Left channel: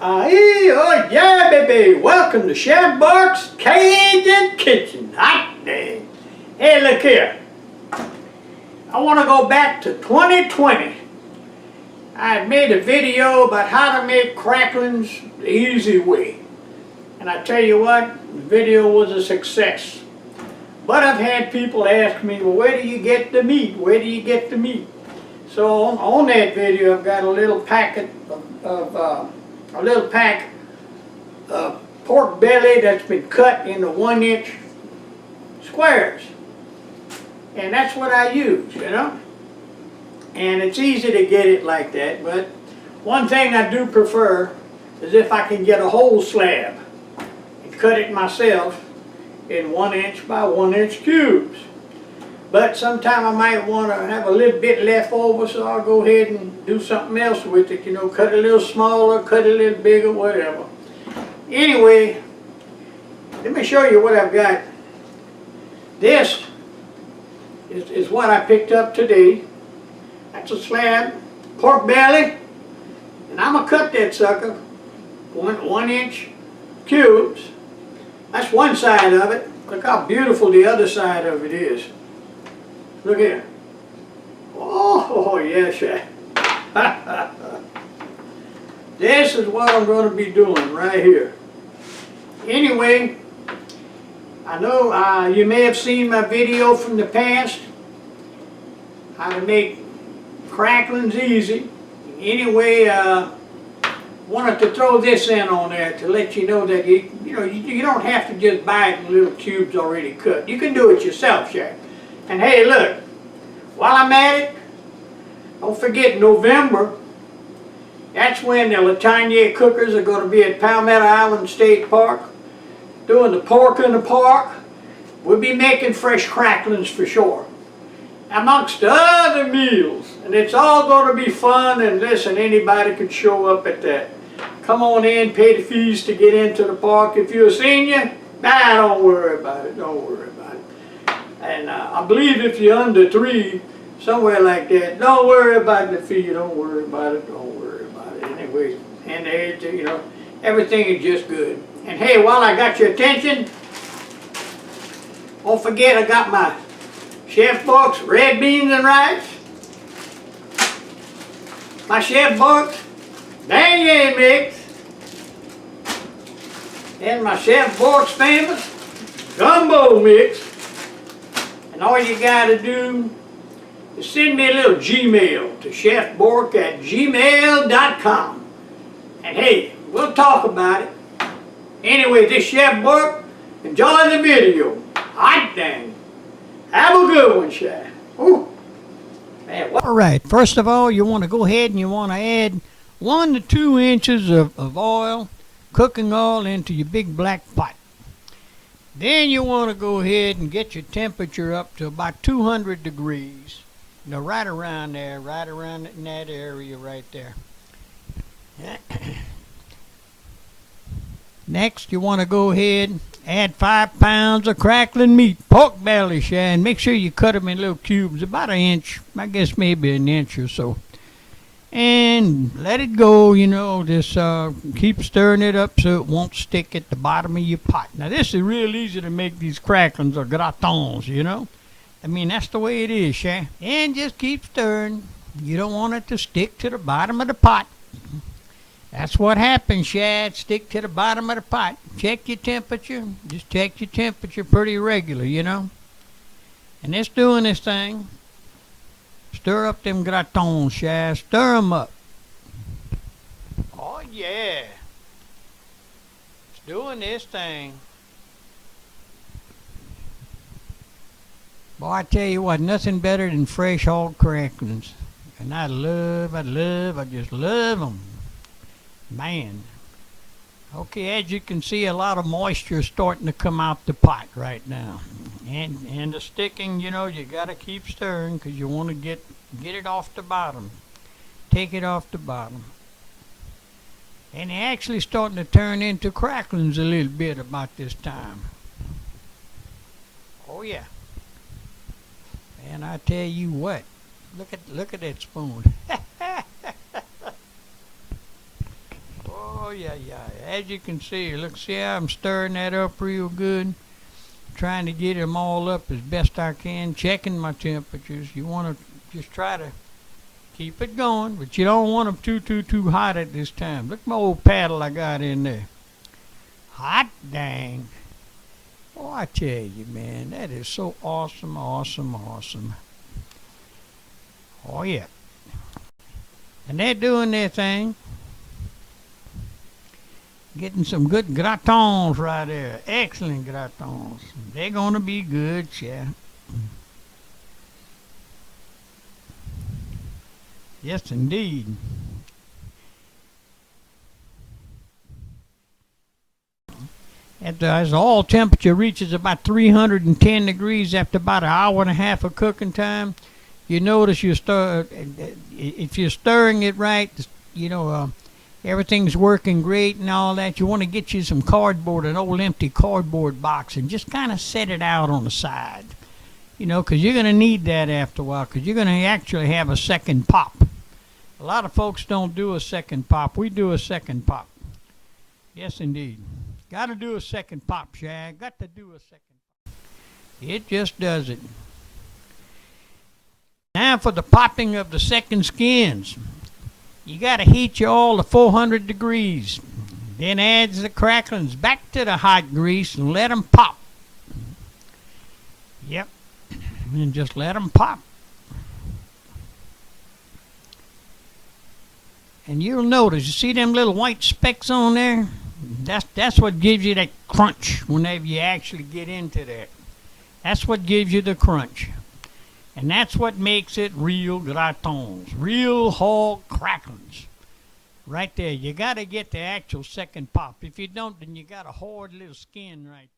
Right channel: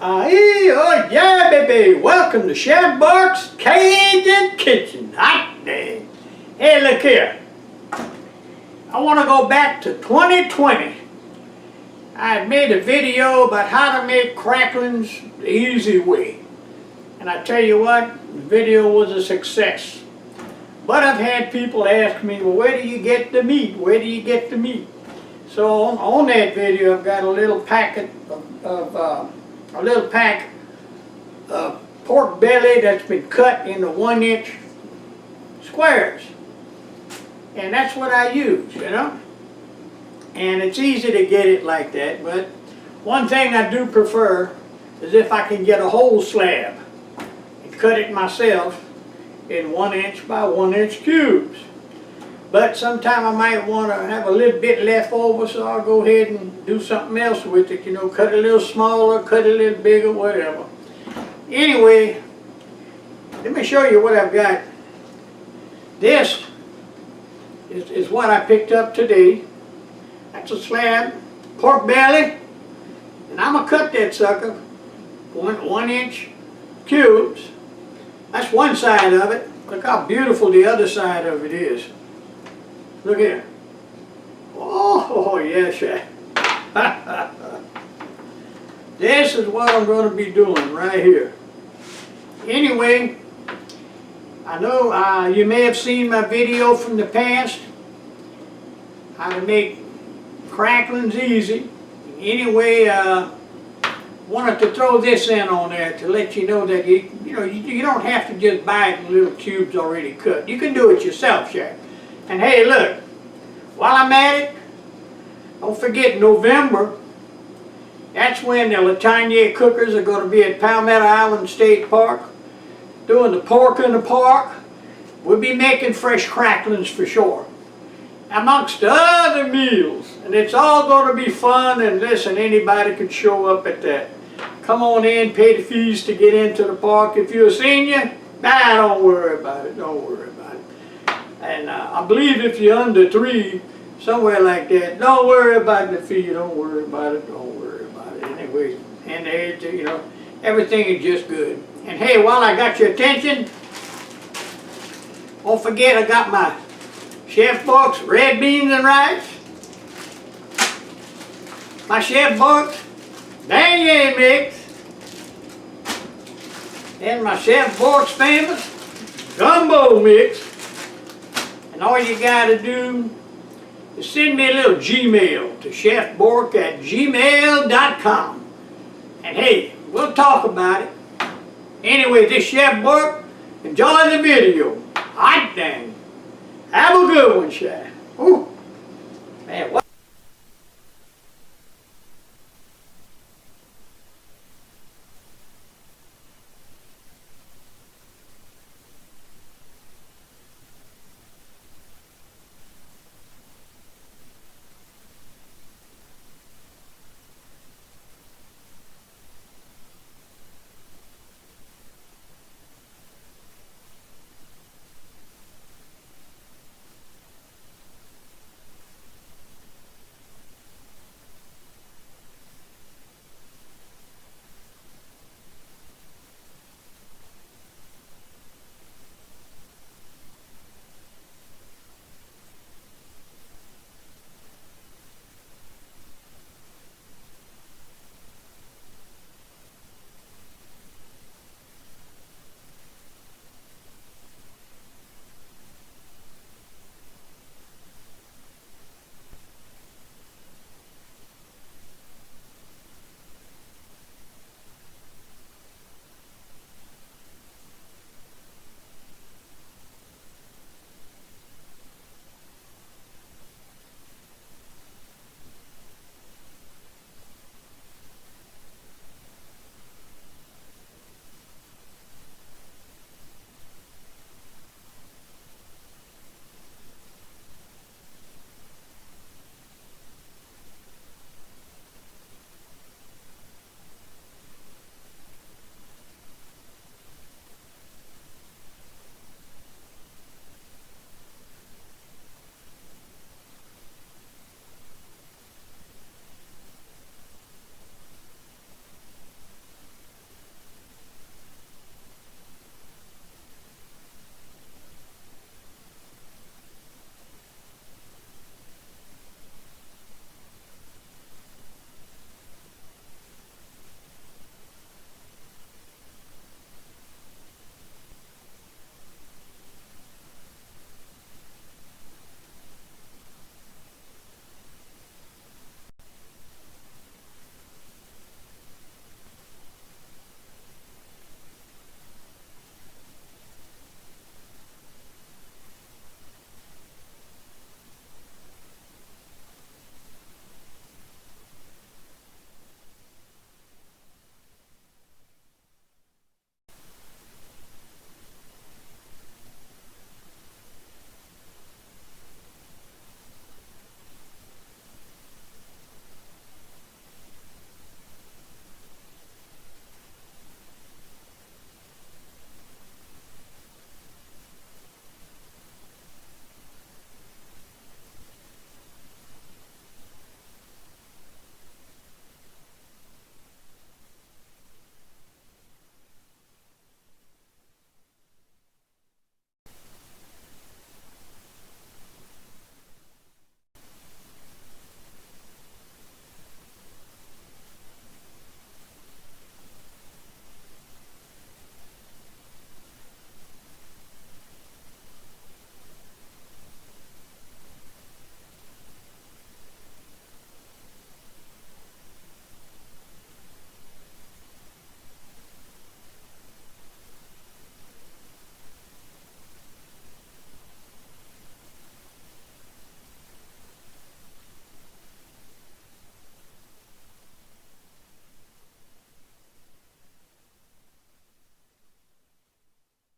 Oh yeah, baby! Welcome to Chef Bourque's Cajun Kitchen. Hot dang! Hey, look here. I want to go back to 2020. I had made a video about how to make cracklins the easy way, and I tell you what, the video was a success. But I've had people ask me, well, where do you get the meat? Where do you get the meat? So on that video, I've got a little packet of pork belly that's been cut into 1-inch squares. And that's what I use, you know. And it's easy to get it like that, but one thing I do prefer is if I can get a whole slab and cut it myself in 1-inch by 1-inch cubes. But sometime I might want to have a little bit left over, so I'll go ahead and do something else with it, you know, cut it a little smaller, cut it a little bigger, whatever. Anyway, let me show you what I've got. This is what I picked up today. That's a slab, pork belly, and I'm going to cut that sucker 1-inch cubes. That's one side of it. Look how beautiful the other side of it is. Look here. Oh, yes, yeah. This is what I'm going to be doing right here. Anyway, I know you may have seen my video from the past, how to make cracklins easy. Anyway, wanted to throw this in on there to let you know that you don't have to just buy it in little cubes already cut. You can do it yourself, Jack. And hey, look, while I'm at it, don't forget November. That's when the Latanya cookers are going to be at Palmetto Island State Park doing the pork in the park. We'll be making fresh cracklins for sure, amongst other meals. And it's all going to be fun, and listen, anybody can show up at that. Come on in, pay the fees to get into the park. If you're a senior, don't worry about it, don't worry about it. And I believe if you're under 3, somewhere like that, don't worry about the fee, don't worry about it, don't worry about it. Anyway, and you know, everything is just good. And hey, while I got your attention, don't forget I got my Chef Bourque's red beans and rice, my Chef Bourque's beignet mix, and my Chef Bourque's famous gumbo mix. And all you gotta do is send me a little Gmail to chefbourque@gmail.com. And hey, we'll talk about it. Anyway, this Chef Bourque, enjoy the video. Hot dang. Have a good one, Chef. Ooh. Man, all right, first of all, you want to go ahead and you want to add 1 to 2 inches of oil, cooking oil, into your big black pot. Then you want to go ahead and get your temperature up to about 200 degrees. You know, right around there, right around in that area right there. Next, you want to go ahead, add 5 pounds of crackling meat, pork belly, and make sure you cut them in little cubes, about 1 inch, I guess maybe 1 inch or so. And let it go, you know, just keep stirring it up so it won't stick at the bottom of your pot. Now, this is real easy to make these cracklins or gratons, you know. I mean, that's the way it is, Sha. And just keep stirring. You don't want it to stick to the bottom of the pot. That's what happens, Shad. Stick to the bottom of the pot. Check your temperature. Just check your temperature pretty regular, you know. And it's doing this thing. Stir up them gratons, Shad. Stir them up. Oh, yeah. It's doing this thing. Boy, I tell you what, nothing better than fresh hog cracklins. And I just love them. Man. Okay, as you can see, a lot of moisture is starting to come out the pot right now. And the sticking, you know, you got to keep stirring because you want to get it off the bottom. Take it off the bottom. And they're actually starting to turn into cracklins a little bit about this time. Oh, yeah. And I tell you what, look at that spoon. Oh yeah, yeah. As you can see, look, see how I'm stirring that up real good. Trying to get them all up as best I can. Checking my temperatures. You want to just try to keep it going, but you don't want them too hot at this time. Look at my old paddle I got in there. Hot dang. Oh, I tell you, man, that is so awesome, awesome, awesome. Oh yeah. And they're doing their thing. Getting some good gratons right there. Excellent gratons. They're going to be good, yeah. Yes, indeed. As the oil temperature reaches about 310 degrees after about an hour and a half of cooking time, you notice if you're stirring it right, everything's working great and all that. You want to get you some cardboard, an old empty cardboard box, and just kind of set it out on the side. Because you're going to need that after a while, because you're going to actually have a second pop. A lot of folks don't do a second pop. We do a second pop. Yes, indeed. Got to do a second pop, Shag. Got to do a second pop. It just does it. Now for the popping of the second skins. You got to heat your oil to 400 degrees. Then add the cracklins back to the hot grease and let them pop. Yep. And just let them pop. And you'll notice, you see them little white specks on there? That's what gives you that crunch whenever you actually get into that. That's what gives you the crunch. And that's what makes it real gratons, real hog cracklins. Right there. You got to get the actual second pop. If you don't, then you got a hard little skin right there.